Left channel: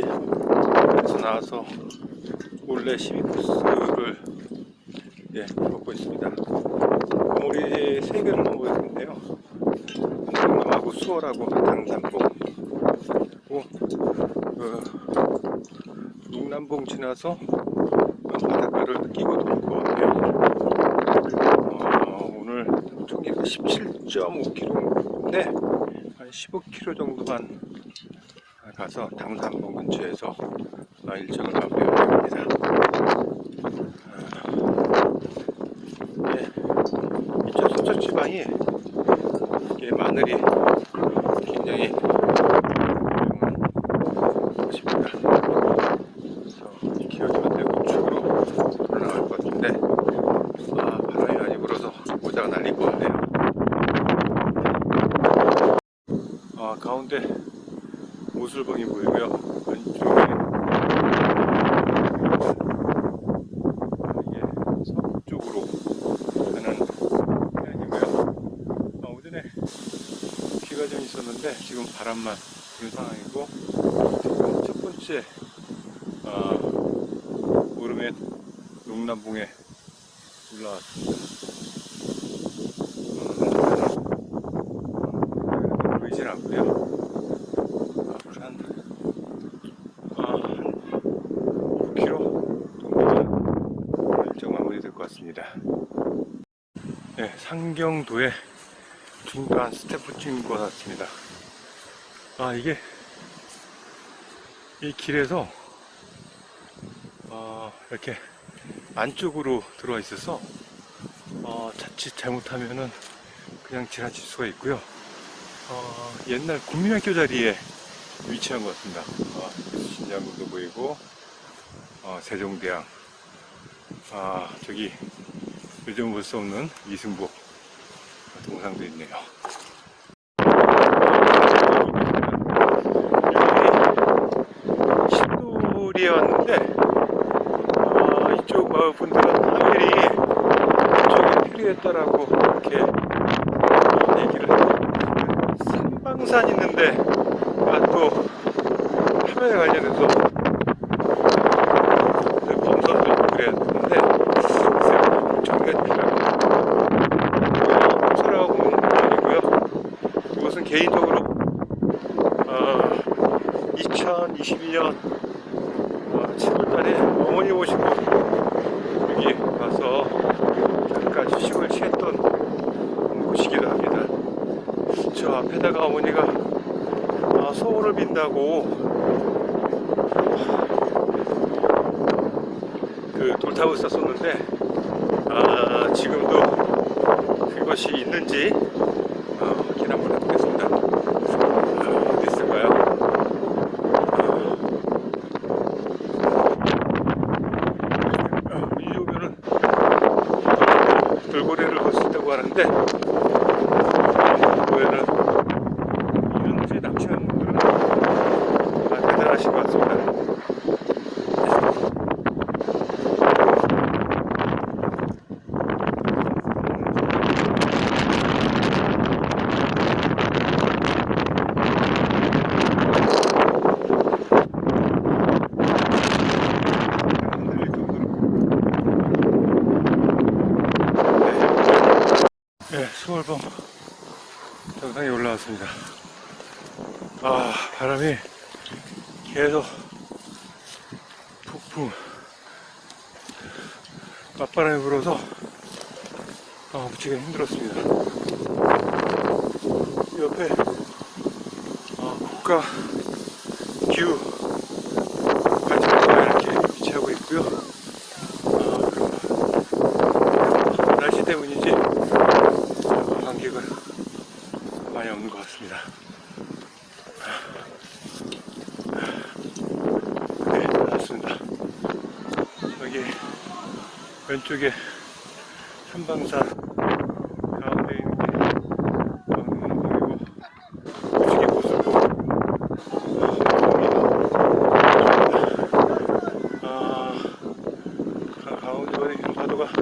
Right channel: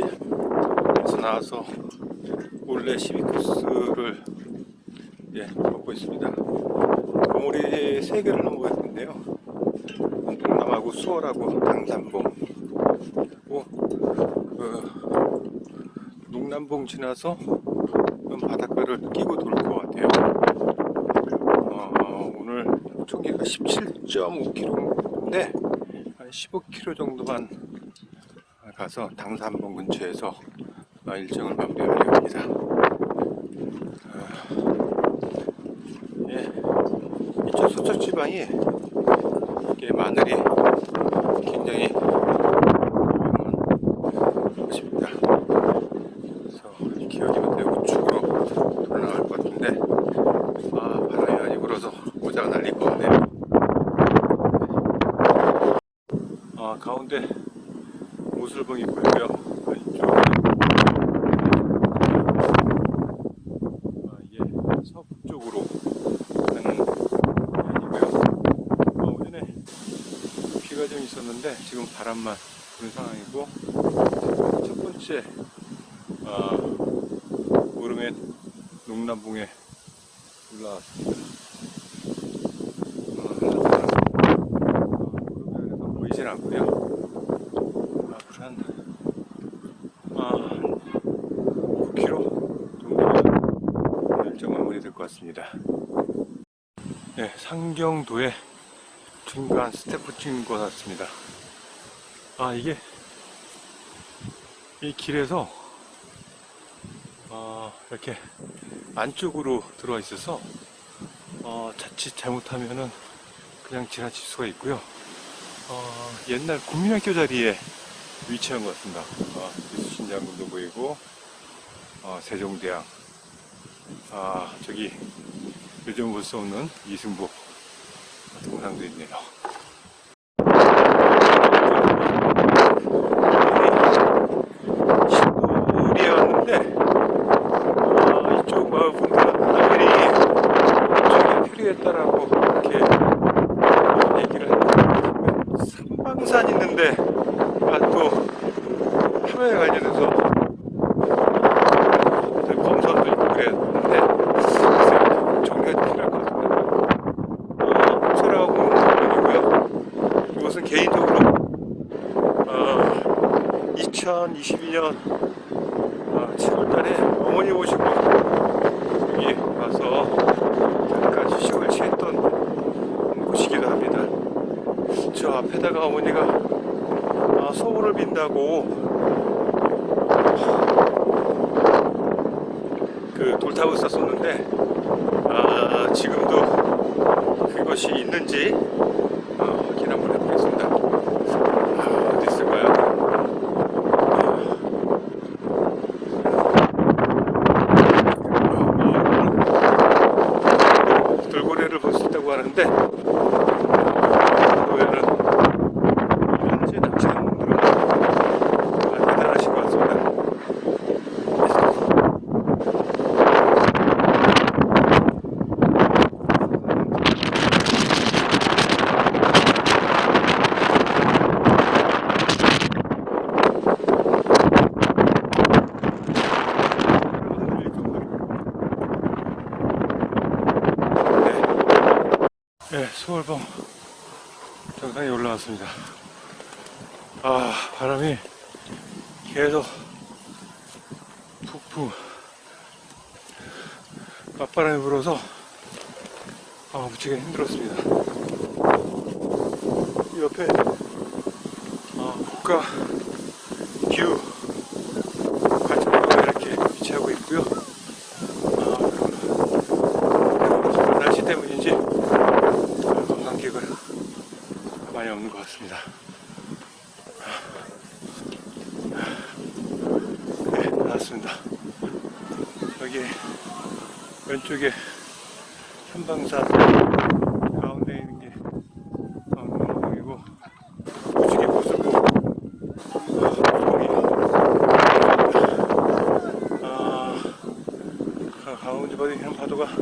낚시에서 나와서 몰래 시비코스를 예, 먹고 있습니다. 우리 세 개를 먹고 있는데요. 남하고 수월하고 당산봉 그리고 어, 농남봉 지나서 바닷가를 끼고 것 같아요. 어, 오늘 총기가 17.5km인데 한 15km 정도만 가서 당산봉 근처에서 어, 일정을 마무리하려고 합니다. 네, 저 서쪽 지방이 마늘이 굉장히 좋습니다. 그래서 기어지면 되게 우측으로 올라갈 것 같은데 아, 바람이 많이 불어서 모자가 날릴 것 같네요. 아, 가운데 모슬봉이 보이고요. 왼쪽에 아, 이게 서북쪽으로 가는 해안이고요. 아, 오전에 비가 좀 있었는데 지금 바람만 부는 상황이고 지금 첫 번째 아, 오르면 농남봉에 올라왔습니다. 아, 보이진 않고요. 앞으로 한, 아, 한 9km 정도면 일정 마무리될 것 같습니다. 네, 상경도의 중간 스태프 찍는 것 같습니다. 아, 이게, 이 길에서, 어, 이렇게 안쪽으로 들어와 있어서, 어, 자칫 잘못하면은 그냥 지나칠 수가 있고요. 어, 옛날 국민학교 자리에 위치한 것 같습니다. 어, 신장군도 보이고, 어, 세종대왕, 아, 저기, 요즘 볼 수 없는 이승복 동상도 있네요. 신도리였는데, 어, 이쪽 마을 분들은 하늘이 이쪽에 필요했다라고 이렇게 얘기를 하고, 삼방산 있는데, 아, 또, 화면에 관련해서 검사도 그랬는데, 정리해주시라고. 공천하고 공무원이고요. 이것은 개인적으로, 어, 2022년 7월 달에 어머니 오시고 여기 와서 잠깐 휴식을 취했던 곳이기도 합니다. 저 앞에다가 어머니가 아, 소원을 빈다고 그 돌탑을 썼었는데 아, 지금도 그것이 있는지 어, 확인 한번 해보겠습니다. 아, 어디 있을까요? 돌고래를 볼 수 있다고 하는데 돌고래는 언제 낚시를 못 들어요. 아, 대단하신 것 같습니다. 네, 수월봉 정상에 올라 왔습니다. 아, 바람이 계속 폭풍 맞바람이 불어서 아, 무지개 힘들었습니다. 이 옆에 아, 국가 기후 발전소가 이렇게 위치하고 있고요. 아, 그리고 날씨 때문인지 관객은 많이 없는 것 같습니다. 여기 나왔습니다. 여기 왼쪽에 한방산 가운데 있는 게 강동이고 이쪽에 모습은 아, 가- 가운데 보이는 파도가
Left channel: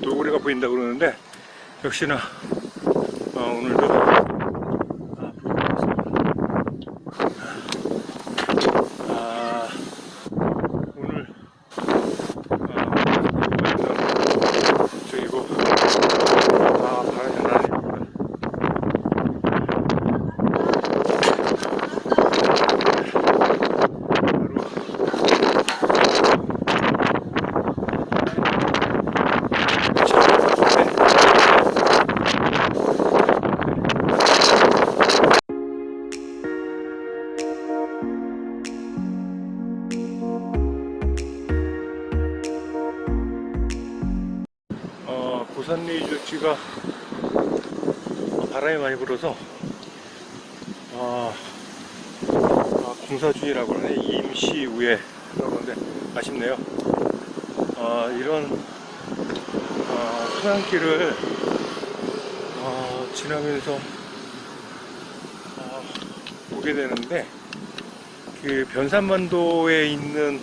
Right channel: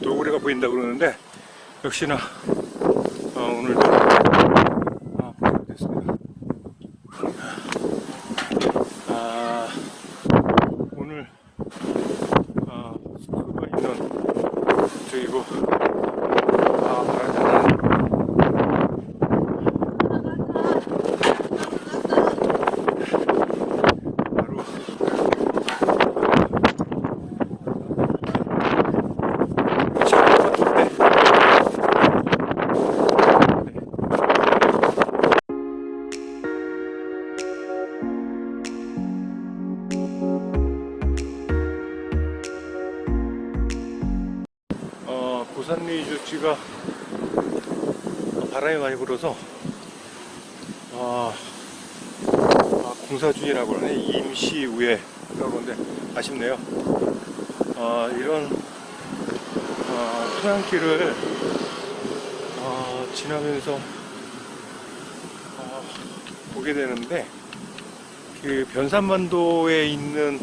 노구리가 보인다고 그러는데 역시나 아, 오늘도 아, 오늘 아, 중이고 여기가 바람이 많이 불어서 아, 아, 공사 중이라고 하네 임시우에 한다고 하는데 아쉽네요 아, 이런 아, 토양길을 아, 지나면서 아, 오게 되는데 그 변산반도에 있는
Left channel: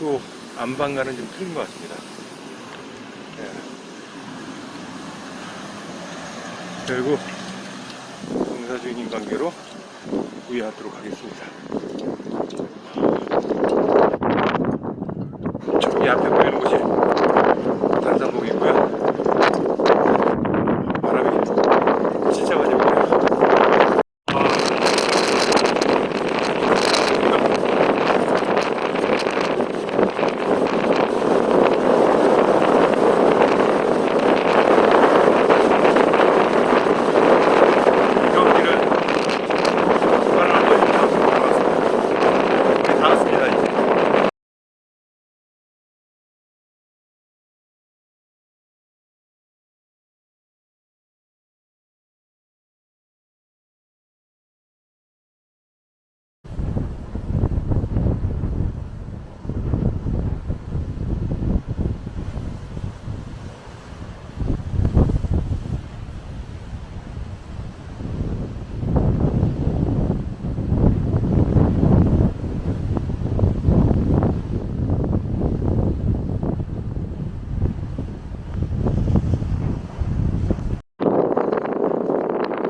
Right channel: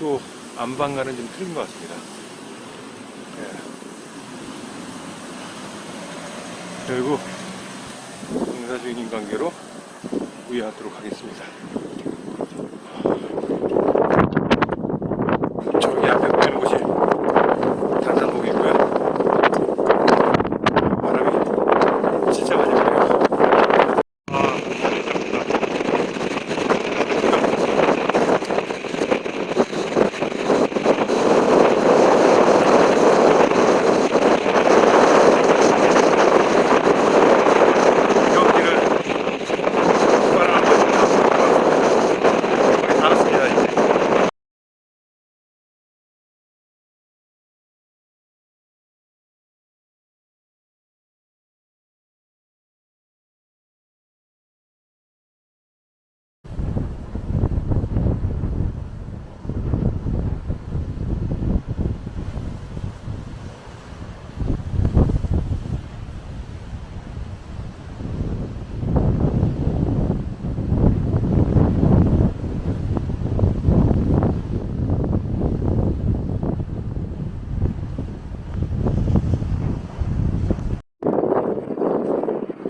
또 안방과는 좀 틀린 것 같습니다. 결국 공사 중인 관계로 우회하도록 하겠습니다. 저기 앞에 보이는 곳이 단산봉이고요. 바람이 진짜 많이 불어요. 여기를 바람 많이 불어서 알았습니다 이제.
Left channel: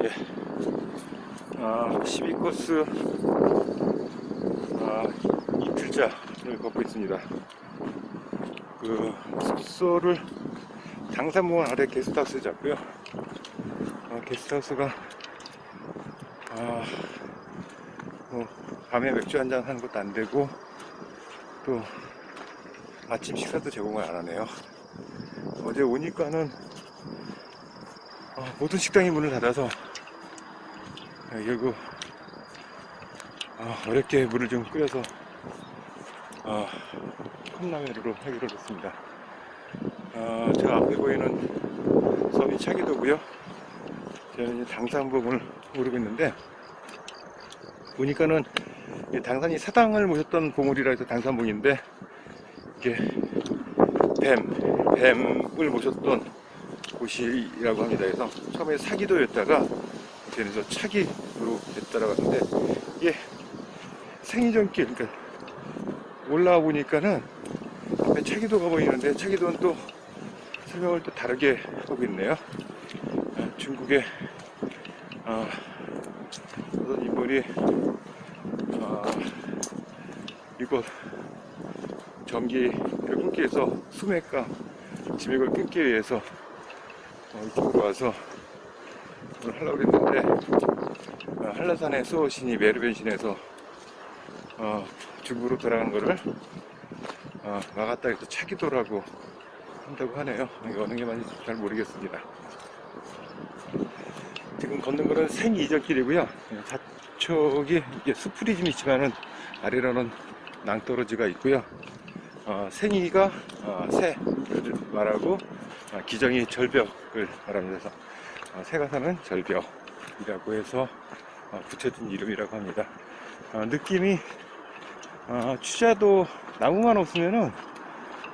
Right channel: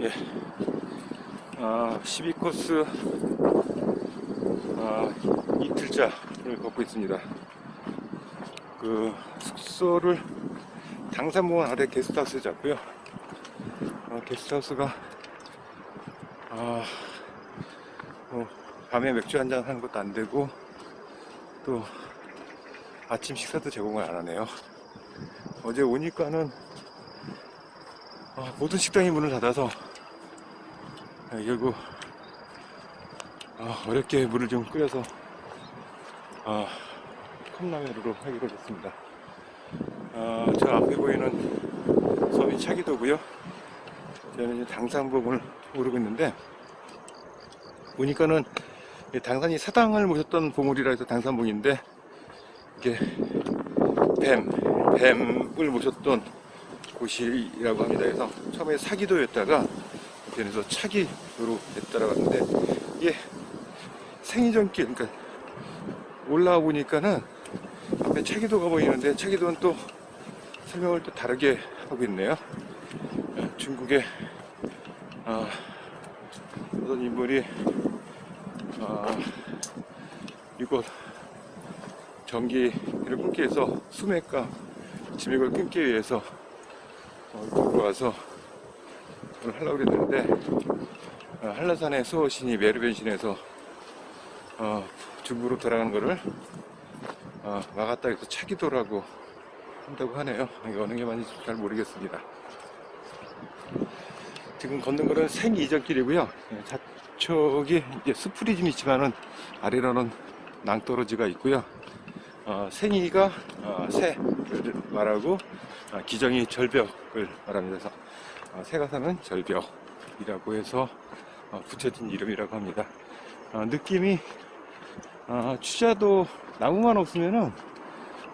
예. 아, 12코스 아, 이틀째를 걷고 있습니다. 그 숙소를 당산공원 아래 게스트하우스에 잡고요. 어, 게스트하우스가 아, 뭐 밤에 맥주 한잔 하는 것도 안 되고 또 아침 식사도 제공을 안 하네요. 어제 오니까는 어, 모든 식당이 문을 닫아서 아, 결국 아, 어렵게 물을 좀 끓여서 아, 컵라면으로 하기로 했습니다. 아, 저 앞에 보이는 섬이 차기도고요. 저는 당산봉을 오르고 있는데 보니까는 이 당산이 사당을 모셨던 봉우리라 해서 당산봉인데 이게 뱀, 뱀을 모셨던 곳이라고 합니다. 그래서 처음에 사기도였다가 그래서 차기로 따라갔는데 이게 생이전길 그러니까 올라와 보니까는 앞에 차기도가 보이는데 차기도는 또 설명을 또 다르게 하고 있네요. 아, 중국의 아, 어떤 인물이 아, 이곳 전기를 끊기 위해서 수맥과 진액을 끊기 위해서 어, 들고 와서 오늘 하려고 그랬는데 어, 한라산의 수호신이 메르벤신에서 어, 중국으로 돌아간 거를 어, 막았다 해서 차기도라고 한다고 하네요. 이게 어느 게 맞는지 잘 모르겠습니다. 지금 걷는 거는 생이전길이고요. 예, 좌측이 이제 스프리 좀 있지만은 아래로는 낭떠러지가 있고요. 어, 생이가 어, 새를 말하고 아, 기정이 절벽을 말합니다. 어, 새가 사는 절벽이라고 해서 어, 붙여진 이름이라고 합니다. 어, 느낌이 어, 취자도 나무만 없으면은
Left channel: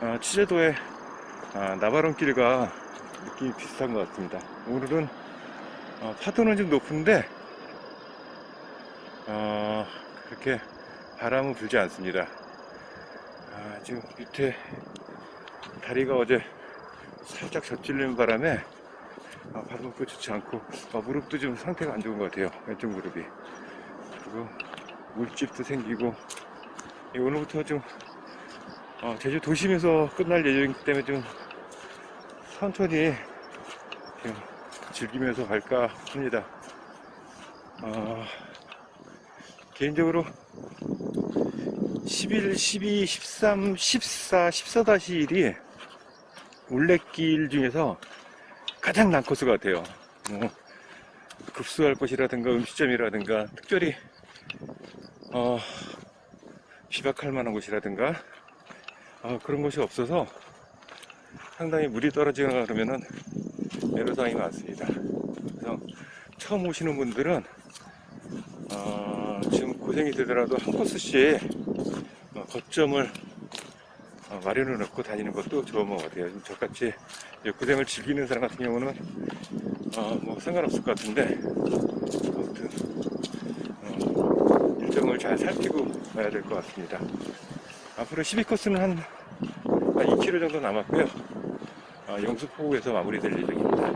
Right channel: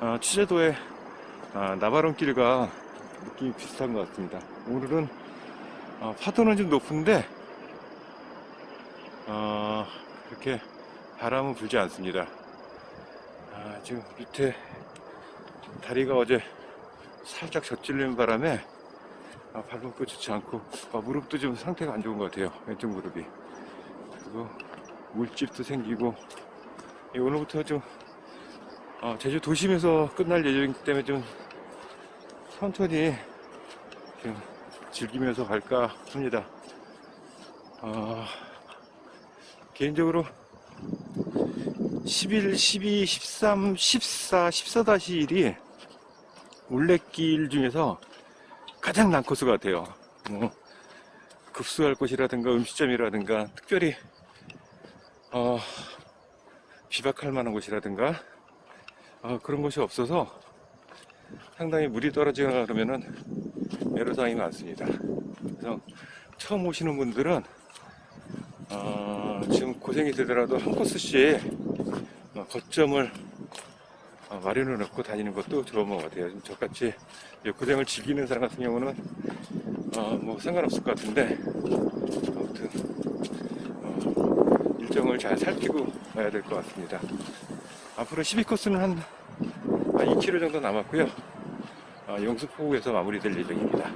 어, 취자도의 아, 나바론길과 느낌이 비슷한 것 같습니다. 오늘은 어, 파도는 좀 높은데 어, 그렇게 바람은 불지 않습니다. 아, 지금 밑에 다리가 어제 살짝 젖질리는 바람에 아, 발목도 좋지 않고 아, 무릎도 좀 상태가 안 좋은 것 같아요. 왼쪽 무릎이. 그리고 물집도 생기고 예, 오늘부터 좀 어, 제주 도심에서 끝날 예정이기 때문에 좀 천천히 좀 즐기면서 갈까 합니다. 어, 개인적으로 11, 12, 13, 14, 14-1이 올레길 중에서 가장 난 코스 같아요. 뭐, 급수할 곳이라든가 음식점이라든가 특별히, 어, 비박할 만한 곳이라든가, 어, 그런 곳이 없어서 상당히 물이 떨어지거나 그러면은 애로사항이 많습니다. 그래서 처음 오시는 분들은 어, 지금 고생이 되더라도 한 코스씩 어, 거점을 어, 마련해 놓고 다니는 것도 좋은 것 같아요. 저같이 고생을 즐기는 사람 같은 경우는 어, 뭐 상관없을 것 같은데 아무튼 어, 일정을 잘 살피고 가야 될 것 같습니다. 앞으로 12코스는 한, 한 2km 정도 남았고요. 어, 영수포구에서 마무리될 예정입니다.